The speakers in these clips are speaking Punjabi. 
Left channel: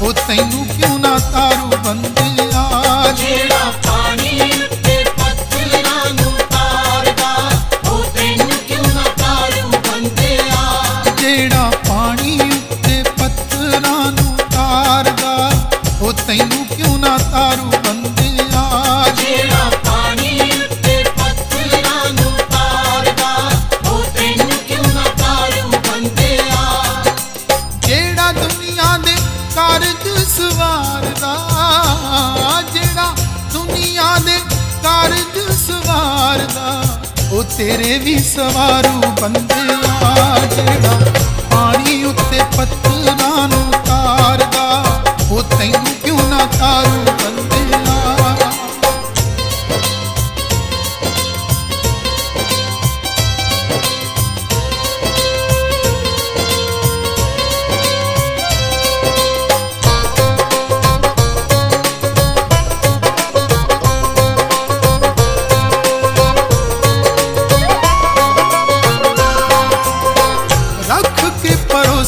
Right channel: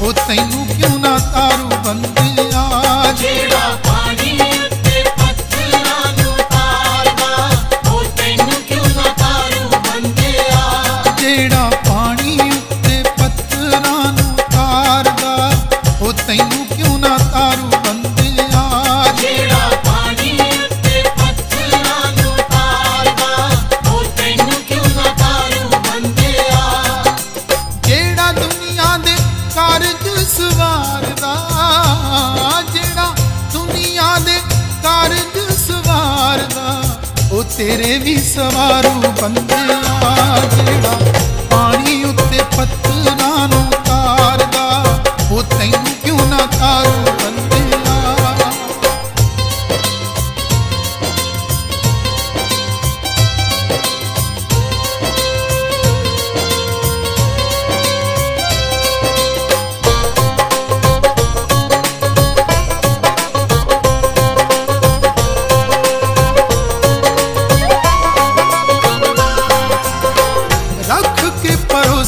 ਉਹ ਤੈਨੂੰ ਕਿਉਂ ਨਾ ਤਾਰੂ ਬੰਦਿਆ? ਜਿਹੜਾ ਪਾਣੀ ਉੱਤੇ ਪੱਥਰਾਂ ਨੂੰ ਤਾਰਦਾ ਉਹ ਤੈਨੂੰ ਕਿਉਂ ਨਾ ਤਾਰੂ ਬੰਦਿਆ? ਜਿਹੜਾ ਪਾਣੀ ਉੱਤੇ ਪੱਥਰਾਂ ਨੂੰ ਤਾਰਦਾ ਉਹ ਤੈਨੂੰ ਕਿਉਂ ਨਾ ਤਾਰੂ ਕਾਰਜ ਸਵਾਰਦਾ ਜਿਹੜਾ ਦੁਨੀਆ ਦੇ ਕਾਰਜ ਸਵਾਰਦਾ ਉਹ ਤੇਰੇ ਵੀ ਸਵਾਰੂ ਬੰਦਿਆ, ਜਿਹੜਾ ਪਾਣੀ ਉੱਤੇ ਪੱਥਰਾਂ ਨੂੰ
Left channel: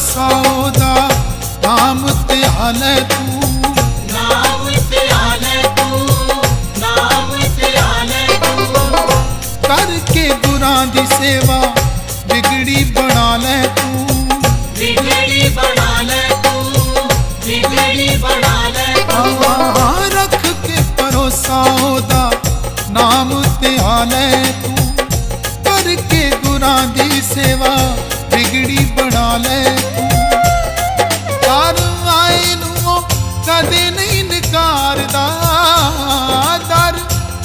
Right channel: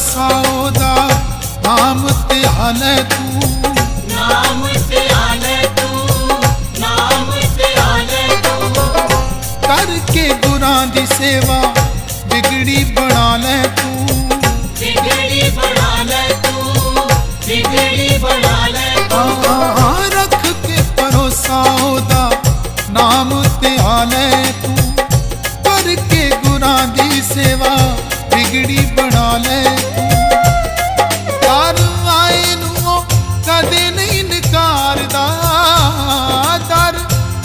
ਭਰੋਸਾ ਉਹਦਾ ਨਾਮ ਧਿਆਲੇ ਤੂੰ। ਨਾਮ ਧਿਆਲੇ ਤੂੰ ਨਾਮ ਧਿਆਲੇ ਤੂੰ। ਕਰਕੇ ਗੁਰਾਂ ਦੀ ਸੇਵਾ ਵਿਗੜੀ ਬਣਾ ਲੈ ਤੂੰ। ਵਿਗੜੀ ਬਣਾ ਲੈ ਤੂੰ ਵਿਗੜੀ ਬਣਾ ਲੈ ਆਹ ਰੱਖ ਕੇ ਭਰੋਸਾ ਉਹਦਾ ਨਾਮ ਧਿਆਲੇ ਤੂੰ। ਕਰਕੇ ਗੁਰਾਂ ਦੀ ਸੇਵਾ ਵਿਗੜੀ ਬਣਾ ਲੈ। ਤੂੰ ਯਾਰ ਆਏ ਨੂੰ ਉਹ ਕਦੇ ਨਹੀਂ ਨਕਾਰਦਾ। ਦਰ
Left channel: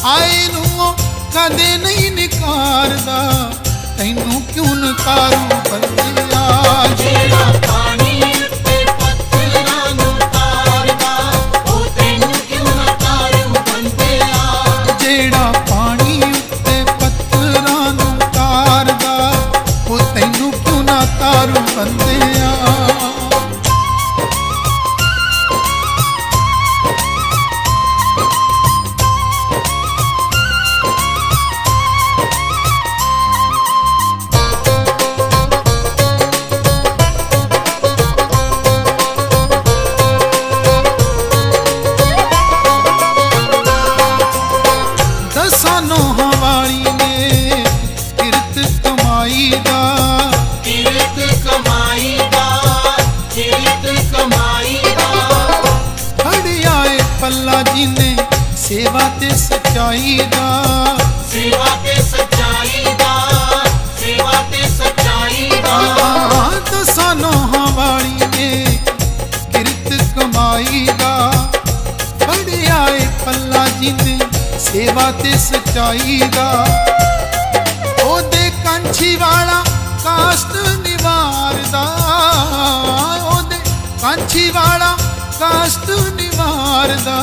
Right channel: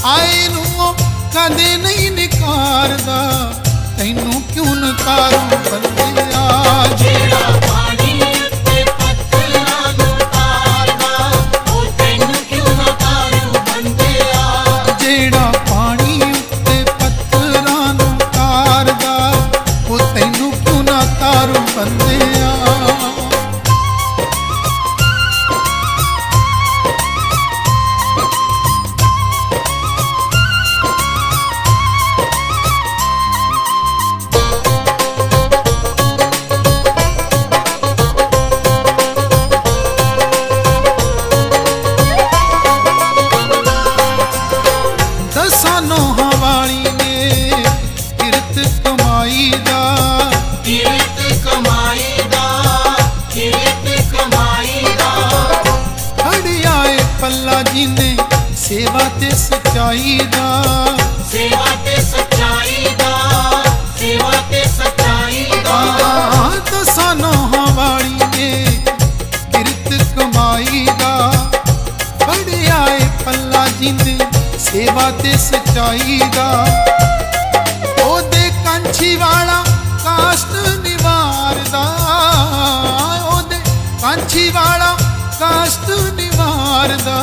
ਆਏ ਨੂੰ ਕਦੇ ਨਹੀਂ ਨਕਾਰਦਾ। ਤੈਨੂੰ ਕਿਉਂ ਨਕਾਰੂ ਬੰਦਿਆ? ਜਿਹੜਾ ਬੰਦਿਆ। ਦਸਾਂ ਨੋਹਾਂ ਨੇ ਕਿਰਤ ਕਮਾਈ ਜੀ ਨੇ ਸੇਵਾ ਤੇ ਸਚਾਈ ਦਾ। ਸੇਵਾ ਤੇ ਸੱਚਾਈ ਦਾ ਸੇਵਾ ਤੇ ਸੱਚਾਈ ਦਾ। ਆ ਦਸਾਂ ਨੋਹਾਂ ਵਾਲੀ ਨੇ ਕਿਰਤ ਕਮਾਈ ਦਾ। ਫੜਿਆ ਏ ਪੱਲਾ ਜੀ ਨੇ ਸੇਵਾ ਤੇ ਸਚਾਈ ਦਾ। ਉਹਦੇ ਕੰਛੀ ਵਾਲਾ ਕਾਸ਼ਟ ਨਿਵਾਰਦਾ। ਉਹਦੇ ਕੰਛੀ ਵਾਲਾ ਕਾਸ਼ਟ ਨਿਵਾਰਦਾ।